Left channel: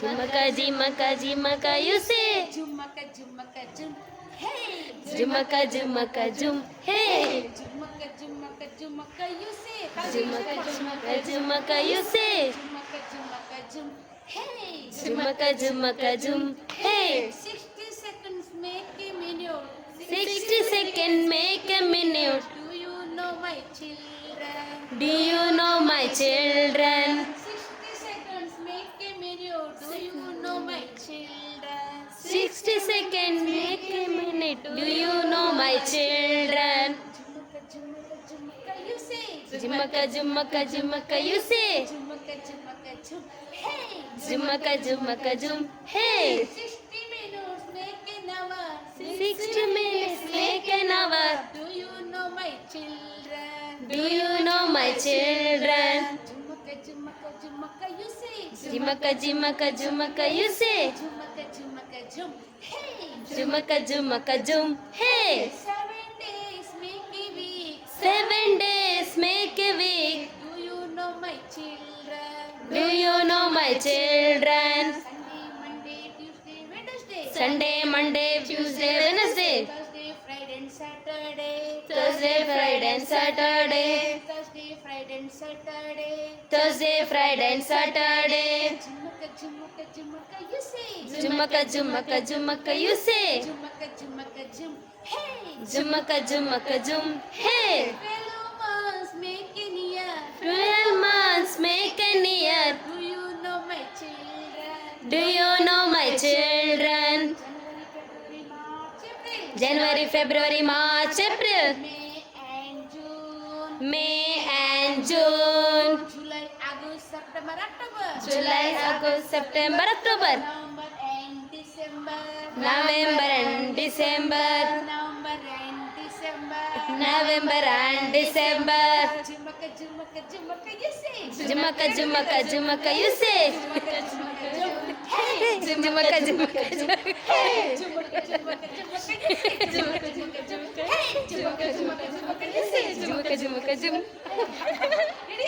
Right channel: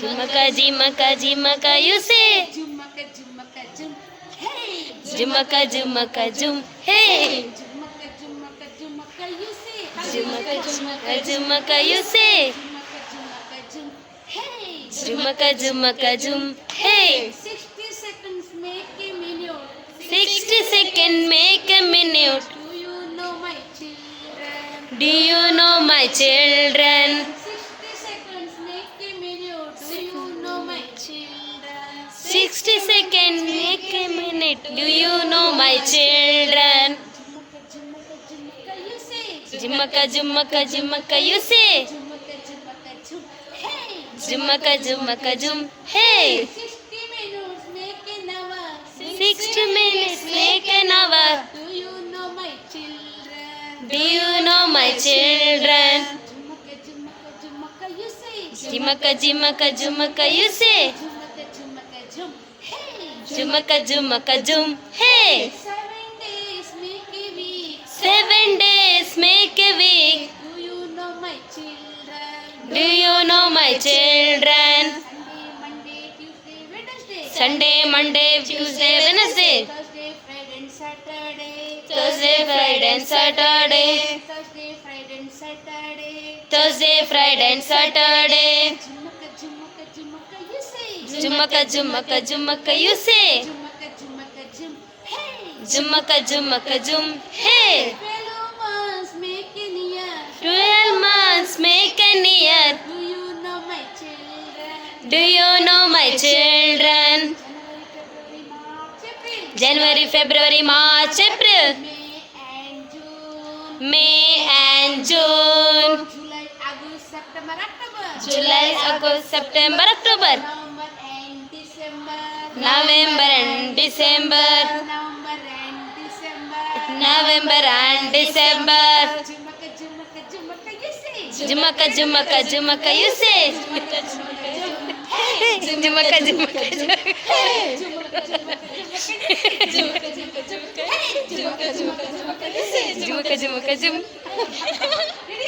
Jumaka, jimaka, jimaka, you say. Jumaka, jumaka, jum. Hey. Jumaka, jumaka, jum. Hey. Jumaka, jumaka, jumaka, you say. Jumaka, jumaka, jumaka, you say. Jumaka, jumaka, jum. Hey. Jumaka, jumaka, jum. Hey. 60 seconds make a minute. 60 seconds make a minute. Do you know my children? Do you know my children? 60 seconds make a minute. Do you know my children? 60 seconds make a minute. Do you know my children? Jumaka, jumaka, jumaka, you say. Jumaka, jumaka, jumaka, you say. Jumaka, jumaka, jum. Hey. Jumaka, jumaka, jum. Hey. 60 minutes make an hour. 60 minutes make an hour. Do you know my children? Do you know my children? Jumaka, jumaka, jumaka, you say. Jumaka, jumaka, jumaka, you say. Jumaka, jumaka, jum. Hey. Jumaka, jumaka, jum. Hey. 7 days make a week. 7 days make a week. Do you know my children? Do you know my children? Sunday, Monday, Tuesday, Wednesday. Sunday, Monday, Tuesday, Wednesday. Thursday, Friday and Saturday. Thursday, Friday and Saturday. Thursday, Friday and Saturday. Thursday, Friday and Saturday. Jumaka, jumaka, jumaka, you say. Jumaka, jumaka, jumaka, you say. Jumaka, jumaka, jum. Hey. Jumaka, jumaka, jum. Hey. 12 months make an year. 12 months make an year. Do you know my children? Do you know my children? January, February, March, April. January, February, March, April. May and June. May and June. July, August, September, October. July, August, September, October. November and December. November and December. November and December. November and December. Jumaka, jumaka, jumaka, you say. Jumaka, jumaka, jumaka, you say. Jumaka, jumaka, jumaka. Hey, jumaka, jumaka, jumaka, you say. Jumaka, jumaka, jumaka, you say. Jumaka, jumaka, jum.